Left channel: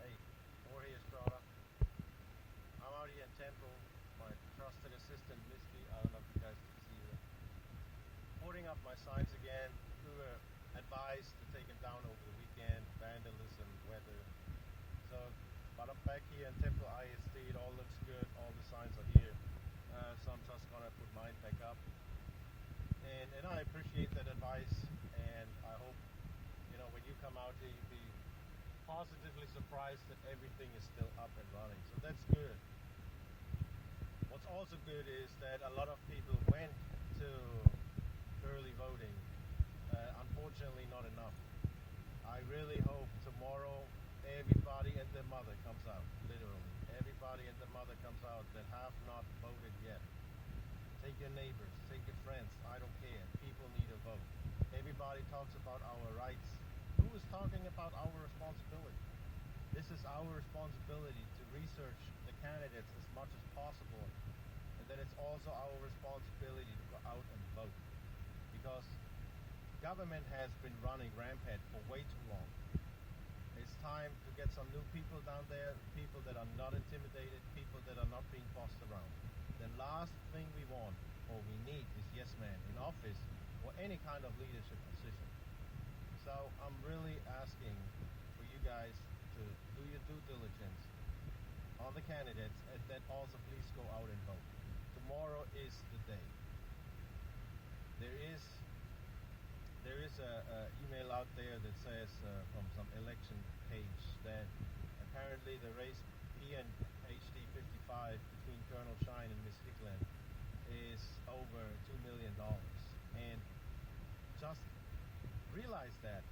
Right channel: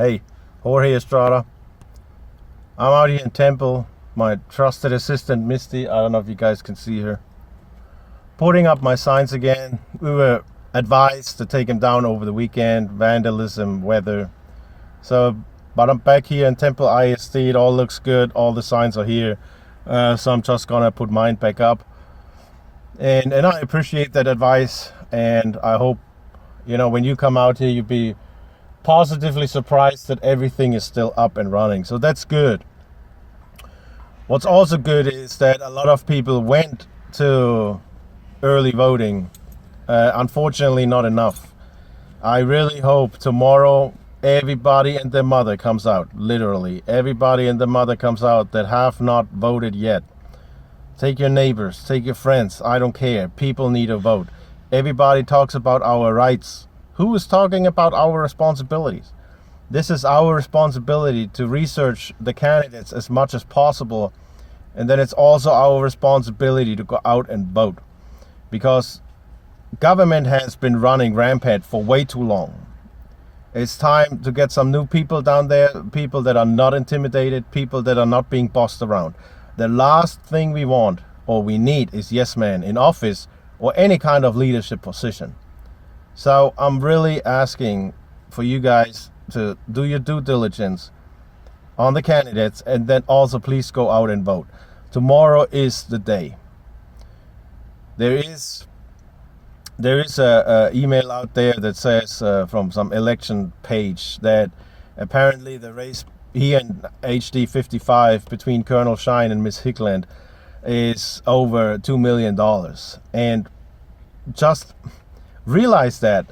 Hey, Jorge Estrada. I'm out here in Temple. My trusted assistant, Misty, I don't know if you guys can see her, putting up my signs again. We were advised to take them down over the weekend, vandalism, weather. But I'm back here in Temple ISD. It all looks good. All the signs are here. So I'm just gonna put mine back up. And I appreciate that advice. And I hope, when you come out here, you be positively surprised that everything is still up and running. So that's good. What's also good is that a lot of people went to early voting. Unfortunately, not enough. I really hope tomorrow everybody and their mother comes out. Literally, everybody and their mother comes out that have not voted yet. Take your neighbors, take your friends. I don't care. People need to vote. Everybody talks about our rights. Who is talking about our responsibilities? This is our responsibility to research the candidates as much as possible. And then it's also our responsibility to go out and vote. Because government has been running rampant for way too long. It's time to get some new people down there, people that are not intimidated, people that are not being bossed around. The last thing we want or we need is yes men in office or any kind of leadership position. So I'm really asking for you guys to do your due diligence on the candidates, and then also please go out and vote. Tomorrow is the day. There is a email out there that says from some election page that apparently the race here in HD 55 between Colonel Shine and Miss Hickland is over $2 million. And just realize that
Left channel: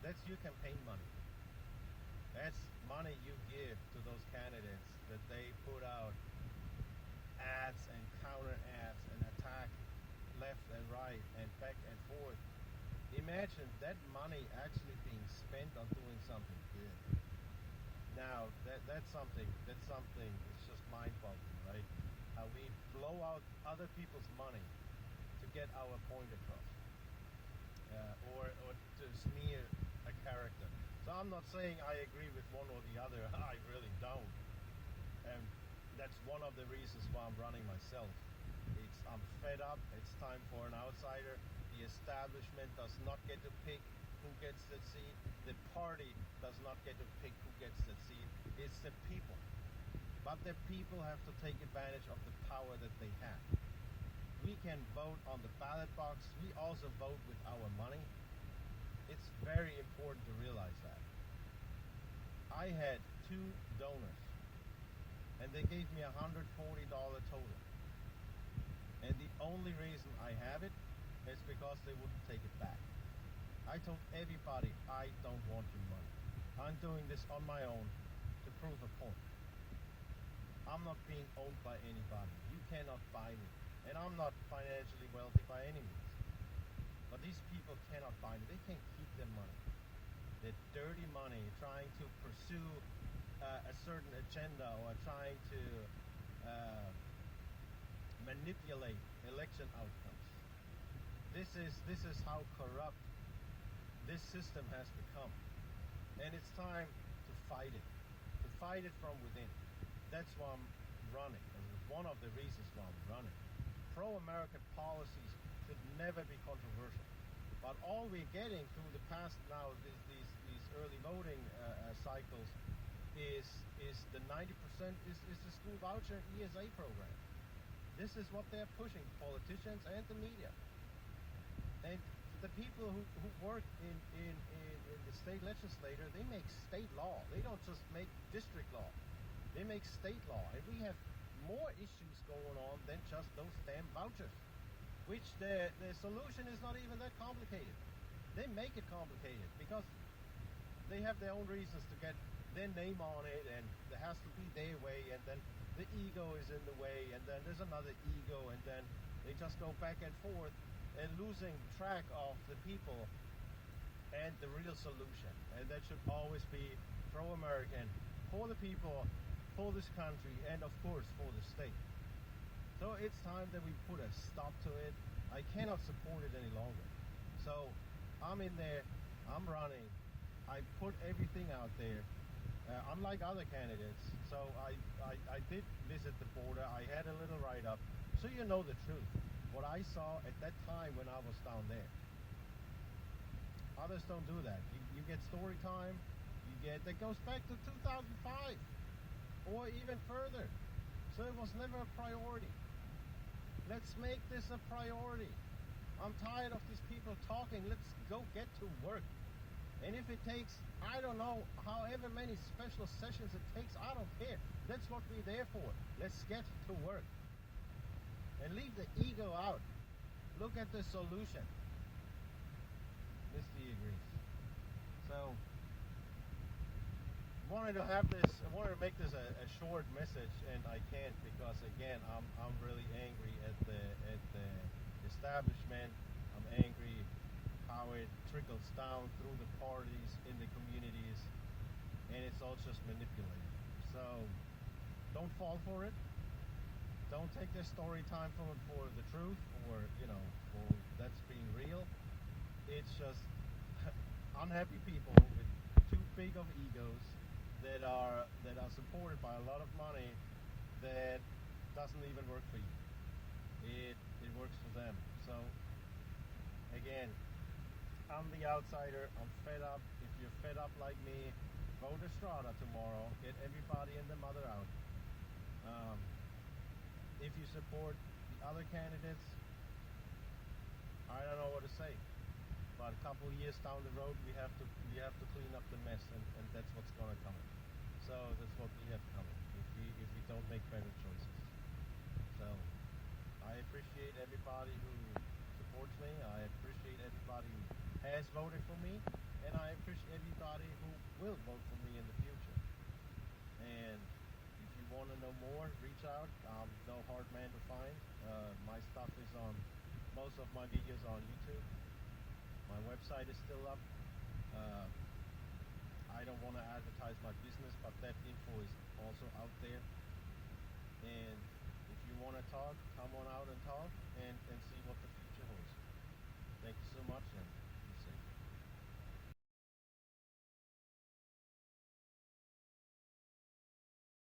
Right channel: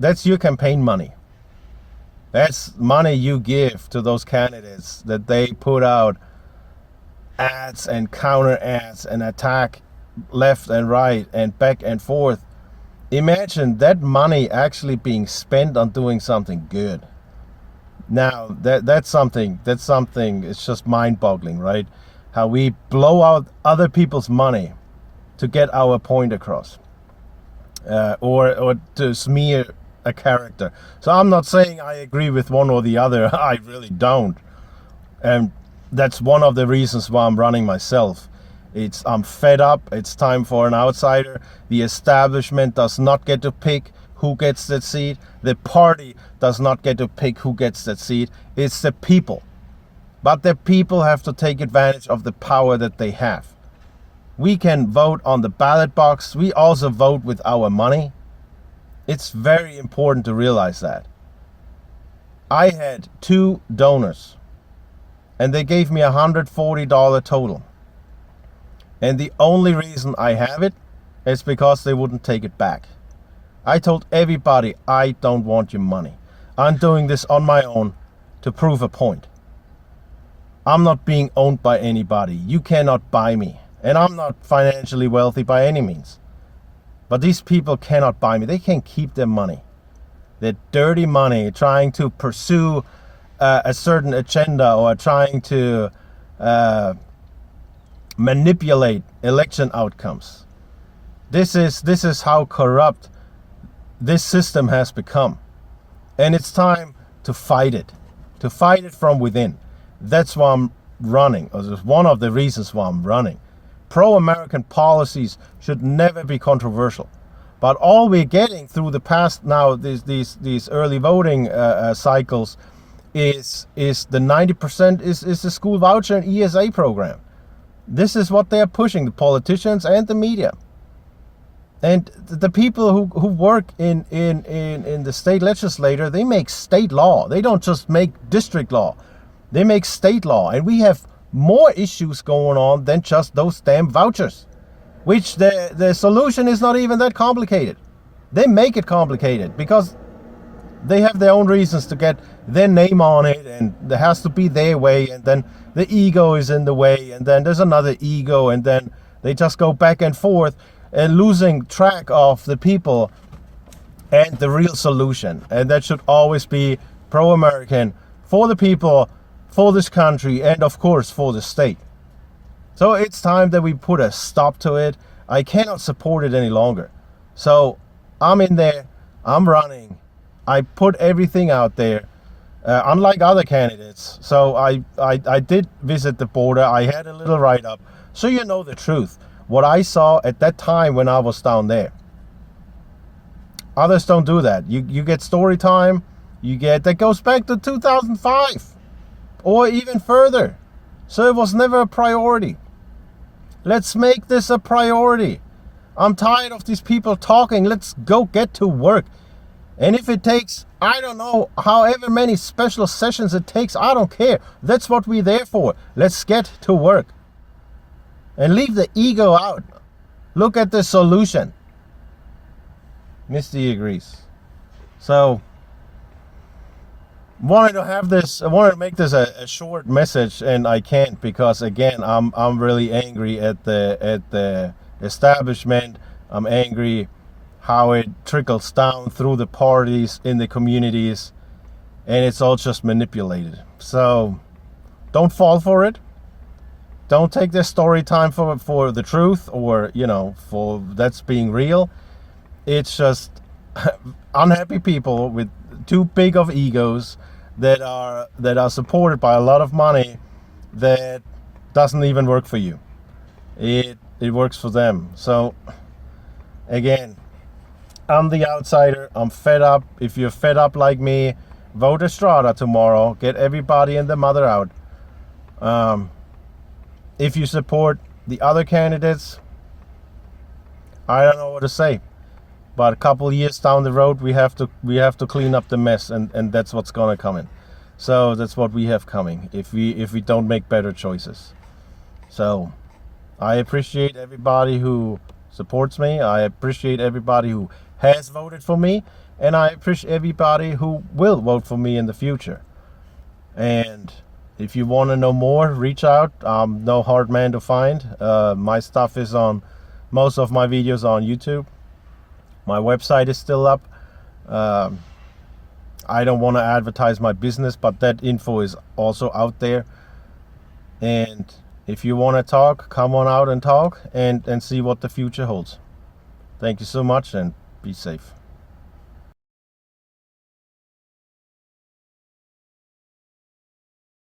that's your campaign money. That's money you give to those candidates that they put out ads and counter ads and attack left and right and back and forth. Imagine that money actually being spent on doing something good. Now that's something it's just mind-boggling, right? How we blow out other people's money to get our point across. Or to smear a character. So I'm not saying I agree with one or the other. I really don't. And that's one of the reasons why I'm running myself. I'm fed up. It's time for an outsider. The establishment does not get to pick who gets that seat. The party does not get to pick who gets that seat. It's the people. But the people have to take advantage of the power that they have. We can vote on the ballot box. We also vote with our money. It's very important to realize that. I had 2 donors and they gave me $140 total. And the only reason I have it is because they wouldn't take it back. I told everybody, I don't want your money. I'm doing this on my own to prove a point. I'm not being owned by anybody. You cannot buy me. And I'm not financially wealthy by any means. But these people cannot buy me. They can't keep their money. Their dirty money, trying to pursue a certain agenda or trying to manipulate election outcomes. This is how corrupt this system has become. And it's time to fight it. To fight it from within. That's why I'm running. Or it's one of the reasons why I'm running. Pro-American policies should never be controversial. But all we're getting through the past now, these early voting cycles, is the 90% is the school voucher and ESA program. This is what they're pushing, the politicians and the media. And the people who work in the state legislature, they make state law. They don't just make district law. They make state law. And we have more issues going on than just those damn vouchers, which the solution is not even that complicated. They make it complicated because they have their own reasons to get their name on it, and there has to be their way, and then the ego is in the way, and then there's another ego, and then they just go back and forth and losing track of the people and the real solution. And that should always be pro-American, for the people, for this country, and of course for the state. So it's time that we put a stop to it. I cannot support it any longer. So I'm in there, I'm running, I put everything out there. unlike other candidates. So I did visit the border. I had a little write-up, so you know the truth. What I saw at that time when I was down there. Others don't do that. You get story time. You get that goes back to 2005 or even further. So it was never a priority. Let's make this a priority. I'm tired of these people talking. Let's go get to work. And if it takes, I don't know, however many special sessions it takes, I don't care. That's what we're there for. Let's get to work. And leave the ego out. Look at the solution. Misty agrees. So, I wanted to make this a short message, and I can't because again I'm really angry at the establishment. I'm angry how it trickles down through the parties in the communities, and it's all just manipulated. So don't fall for it. Don't take this story time for the truth, or for that's being real. It's just unhappy people with too big of egos that are supported by a lot of money that doesn't even work for you. It works for them. So again, I'm the outsider. I'm fed up. If you're fed up like me, vote Estrada tomorrow. Get everybody and the mother out. If you support the other candidates, I don't know what to say. But a couple years down the road, we have to clean up the mess, and that's what's gonna come in. So that's what we have coming if we don't make better choices. So I appreciate everybody who supports me. I appreciate everybody who has voted for me, and I appreciate everybody who will vote for me in the future. And if you want to know more, reach out. I'm no hard man to find. My stuff is on, most of my videos are on YouTube. My website is still up. I don't want to advertise my business, but that info is also out there. And if you want to talk, come on out and talk and see what the future holds. Thank you so much, and be safe.